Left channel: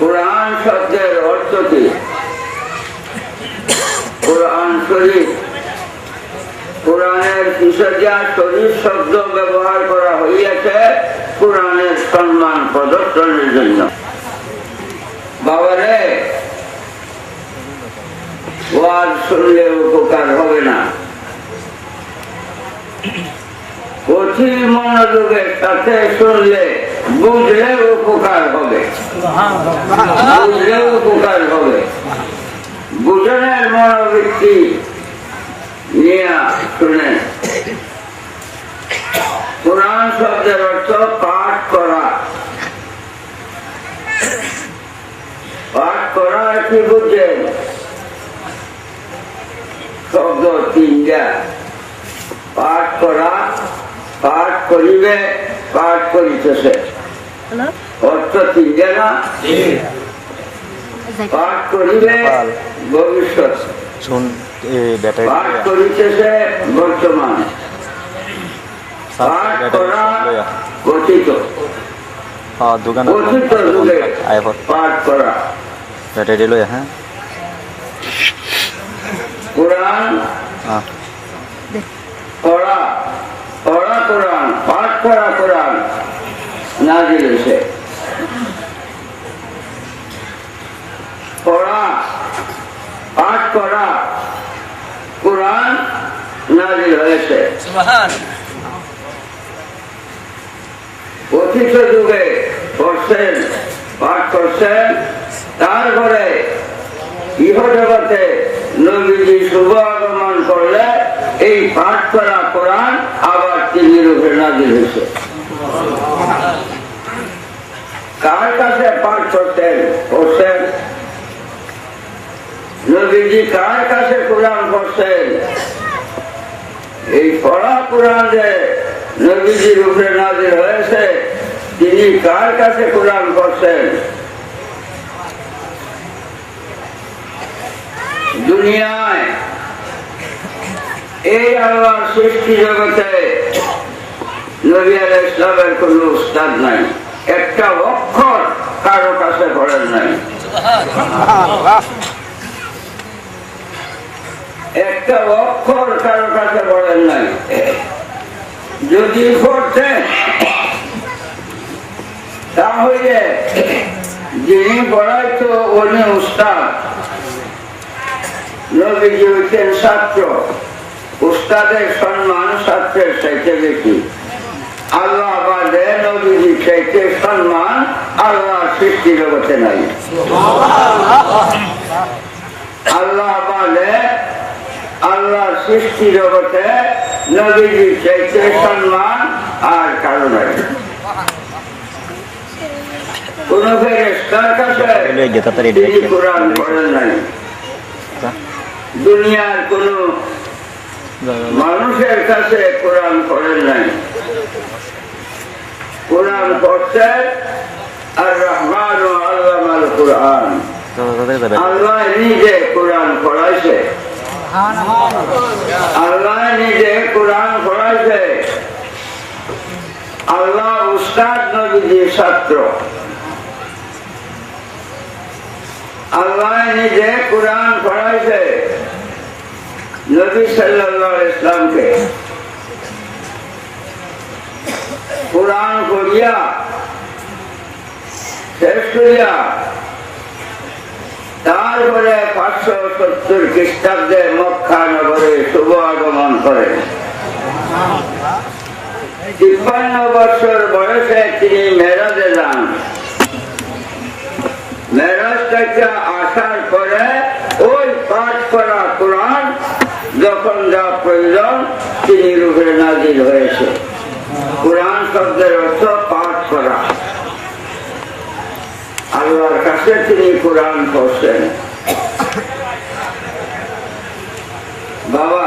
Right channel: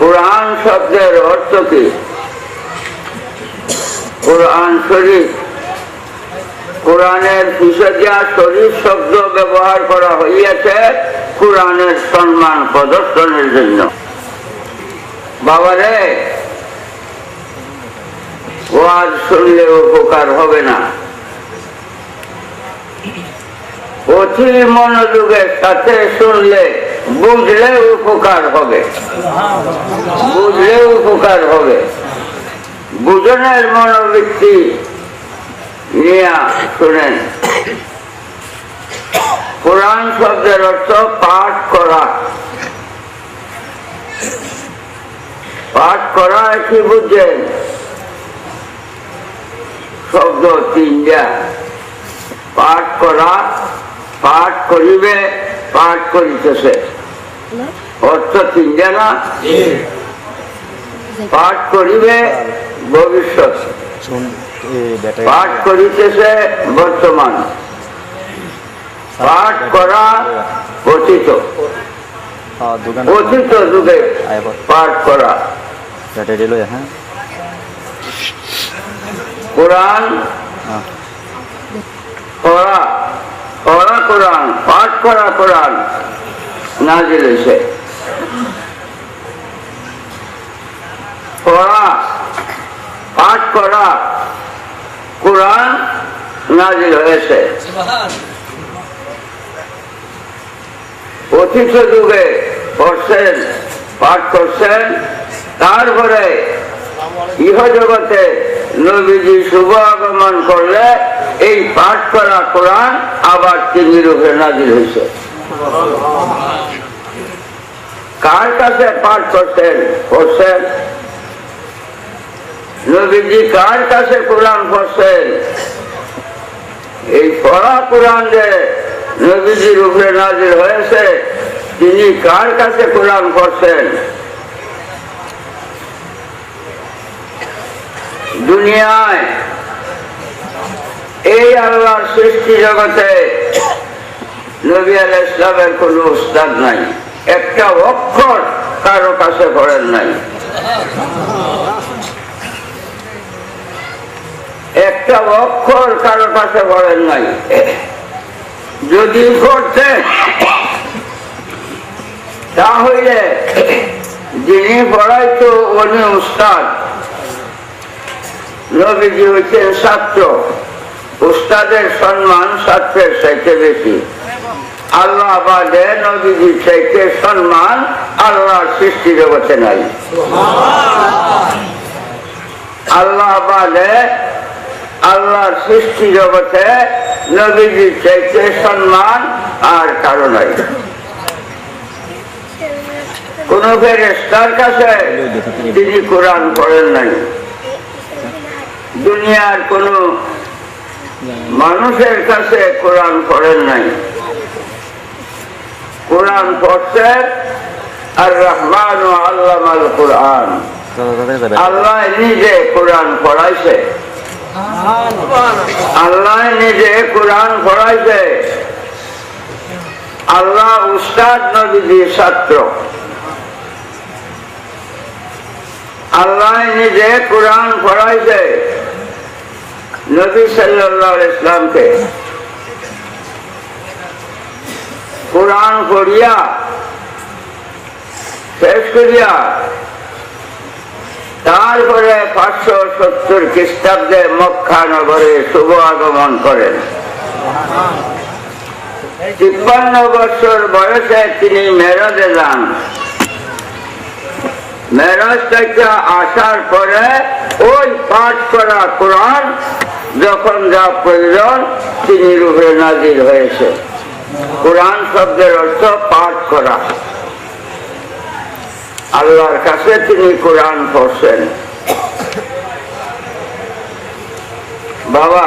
কোরআন শব্দের অর্থ কি? কোরআন শরীফ, কোরআনের পিছনে শরীফ শব্দ ব্যবহার করা হইয়াছে কোরআনের সম্মান প্রদর্শনের জন্য। বাবারে, ওয়াজ শুনলে উপকার হবে না, অতি মনোযোগের সাথে শুনলে বুঝলে উপকার হবে, বুঝলে উপকার হবে। বুঝনের মনোবৃত্তি নিয়ে শুনেন। কোরআন শব্দের অর্থ পাঠ করা। পাঠ করা কি বুঝছেন? শব্দ তিনটা। পাঠ করা, পাঠ করিবে, পাঠ করিতেছে, অর্থ তিনটা না? পাঠ করিবে ভবিষ্যৎ, পাঠ করিতেছে বর্তমান, পাঠ করা অতীত, অতীত যুগে পাঠ করা। কোরআন পড়া, পড়া কোরআন, পাঠ করা কোরআন নাজিল হয়েছে। পড়া, পাঠ করা কোরআন নাজিল হয়েছে। অতীত যুগে পড়ছেন, পাঠ করছেন, তারপরে ইহ জগতে নবীজি শুভ আগমন করলে এই পাঠ করা কোরআন আবার তিনি রূপে নাজিল হয়েছে। কার কাছে পাঠ করতেন? পড়ছেন। নবীজি কার কাছে কোরআন পড়ছেন? এই পড়া কোরআন যে নবীজি রূপে নাজিল হয়েছে, তিনি কার কাছে কোরআন পড়ছেন? দুনিয়ায় এই আল্লাহর সৃষ্টি জগতে নবী আলাইহিস সালামের কোন উস্তাদ নাই, একটা অক্ষর কারো কাছে পড়েন নাই, একটা অক্ষর কারো কাছে পড়েন নাই। যদি পড়তেন তাহলে যিনি পড়াইতো উনি উস্তাদ, নবীজি হচ্ছেন ছাত্র। উস্তাদের সম্মান ছাত্রের চাইতে বেশি। আল্লাহ বাদে নবীজির চাইতে সম্মান আল্লাহর সৃষ্টি জগতে নাই। আল্লাহ বাদে আল্লাহর সৃষ্টি জগতে নবীজির চাইতে সম্মান আর কারো নাই। কোন ফেরেশতার কাছে তিনি কোরআন পড়েন নাই, দুনিয়ার কোন মানুষের কাছে কোরআন পড়েন নাই। কোরআন পড়ছেন আর রহমান ও আল্লামাল কোরআন, আল্লাহ নিজে কোরআন পড়াইছে, আল্লাহ নিজে কোরআন পড়াইছে। আল্লাহ উস্তাদ, নবীজির ছাত্র। আল্লাহ নিজে কোরআন পড়াইছে নবী সাল্লাল্লাহু আলাইহি ওয়াসাল্লামকে। কোরআন পড়িয়া শেষ করিয়া তারপরে 570 খ্রিস্টাব্দে মক্কা নগরে শুভ আগমন করেন। 53 বছর বয়সে তিনি মেরাজে যান। মেরাজ থেকে আসার পরে ওই পাঠ করা কোরআন যখন যা প্রয়োজন তিনি রূপে নাজিল হয়েছে। কোরআন শব্দের অর্থ পাঠ করা। আল্লাহর কাছে তিনি কোরআন পড়ছেন। বাবা,